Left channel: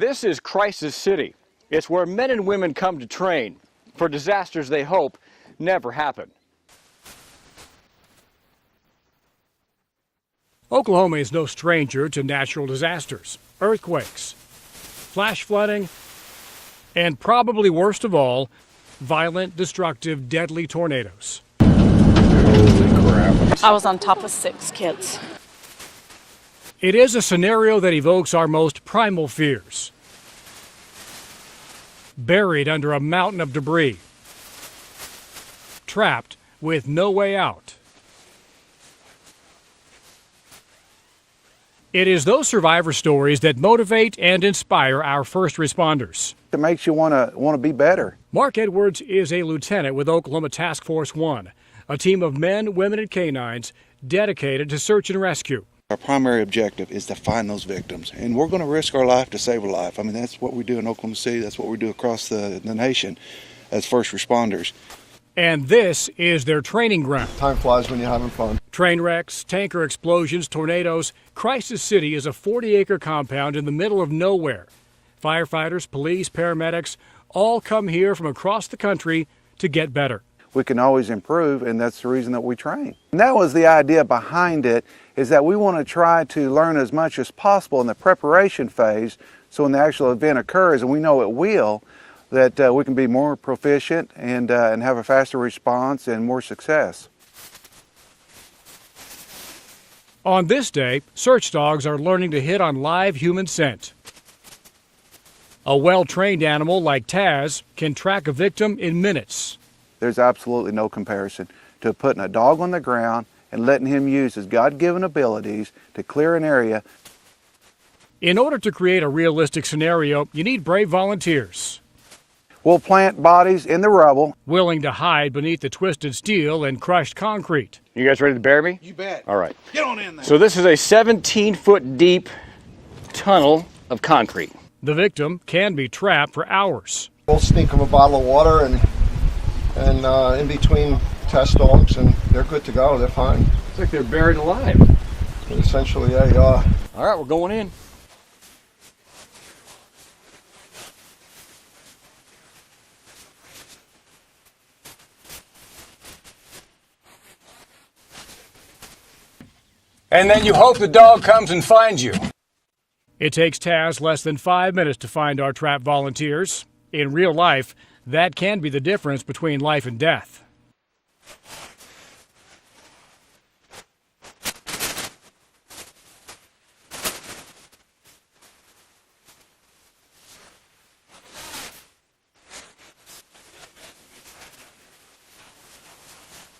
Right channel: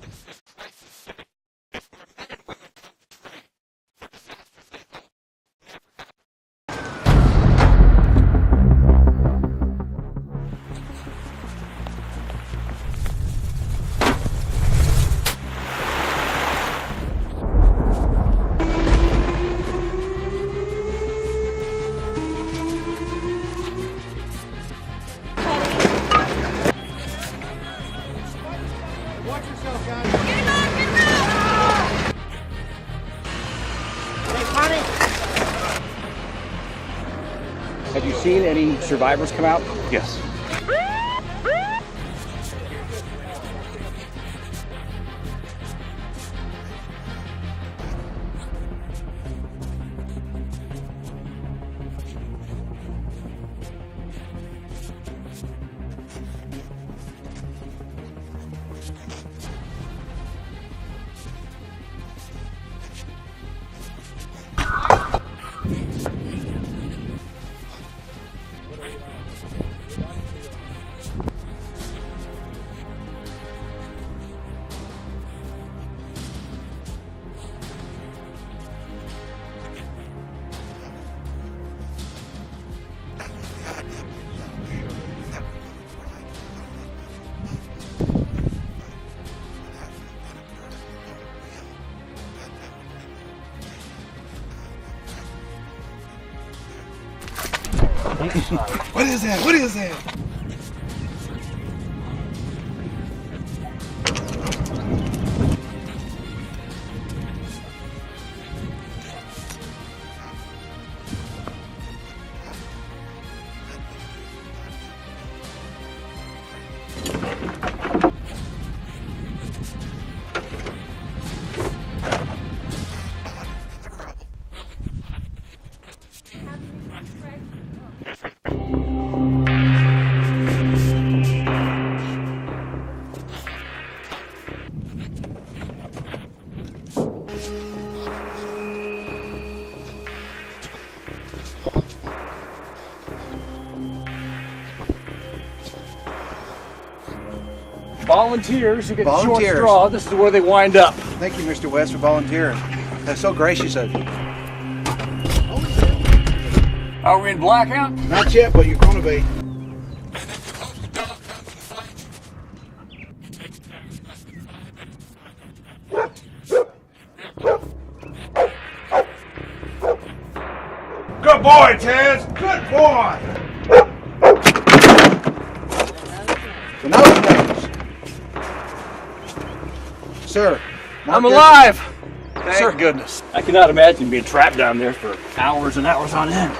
This is Crisis City. It's where men and women come to train for disasters they hope never happen. Oklahoma is no stranger to natural disasters, earthquakes, flash flooding, and probably worst of all, violent, destructive, deadly tornadoes. I was on top of 6 kids. It is a scenario that evokes our most primal fears. Buried under a mountain of debris. Trapped with no way out. Have you seen any survivors come out? Yes. It is those survivor stories that motivate and inspire our first responders. It makes you want to be better. Mark Edwards is a lieutenant with Oklahoma Task Force 1, a team of men, women, and canines dedicated to search and rescue. Our primary objective is to find those victims, and we're going to risk our life to save a life. I mean, that's what we do in Oklahoma City. That's what we do across the nation as first responders. And this is their training ground. Time flies when you're having fun. Train wrecks, tanker explosions, tornadoes. Crisis City is a 40-acre compound in the middle of nowhere. Firefighters, police, paramedics all come here from across the country to get better. We can always improve, and that's the reason that we train. And that was the idea behind it, is that we want to try to learn as much as possible in the preparation phase, so when the actual event occurs, and we know it will, that we can be more proficient and have a faster response and more success. What is that? What is that? On this day, search dogs are learning to hit on live human scent. A well-trained animal like Taz can track a victim in minutes. There's absolutely no comparison to putting a dog on the ground and letting him use his God-given abilities to clear an area. In order to create a realistic scenario, you need brave volunteers. We'll plant bodies in the rubble. Willing to hide beneath the twisted steel and crushed concrete. You guys ready to bury me? You bet. All right. So this is a 17-foot deep tunnel of concrete. The victim can be trapped for hours. We'll stink them a bottle of water and in between test dogs, and they're good to go. They're fine. It's like they're buried alive. Essentially, yeah, they are. All right, we're going in. Volunteers, you get the short Volunteers. straw. This is where they wind up. Thank you, Mr. West, for volunteering. That's so gracious of you. Are we in blackout? Not yet, but you're going to be. And then you hope the dog comes and finds you. It takes Taz less than 5 minutes to find our trapped volunteers. In real life, that can be the difference between life and death. Good boy, Taz. Good boy. Sir, I'm alive! Thank goodness. I cannot imagine being trapped down there for hours and hours on end.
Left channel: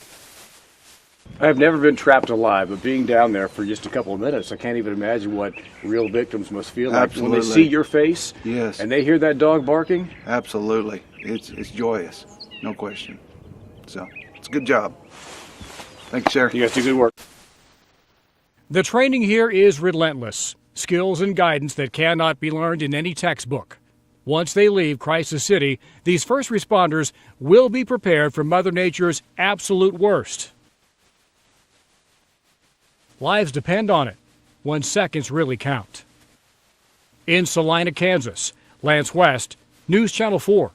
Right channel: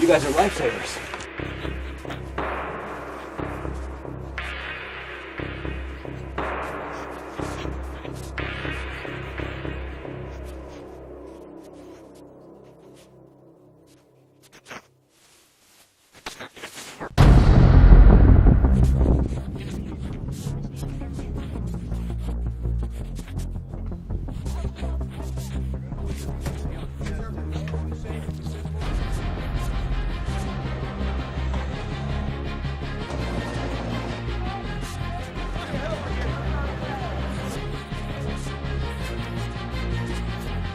You guys are lifesavers. I've never been trapped alive, but being down there for just a couple of minutes, I can't even imagine what real victims must feel like when they see your face. Yes. And they hear that dog barking. Absolutely. It's joyous, no question. So, it's a good job. Thank you, sir. You guys do good work. The training here is relentless. Skills and guidance that cannot be learned in any textbook. Once they leave Crisis City, these first responders will be prepared for Mother Nature's absolute worst. Lives depend on it, when seconds really count. In Salina, Kansas, Lance West, News Channel 4.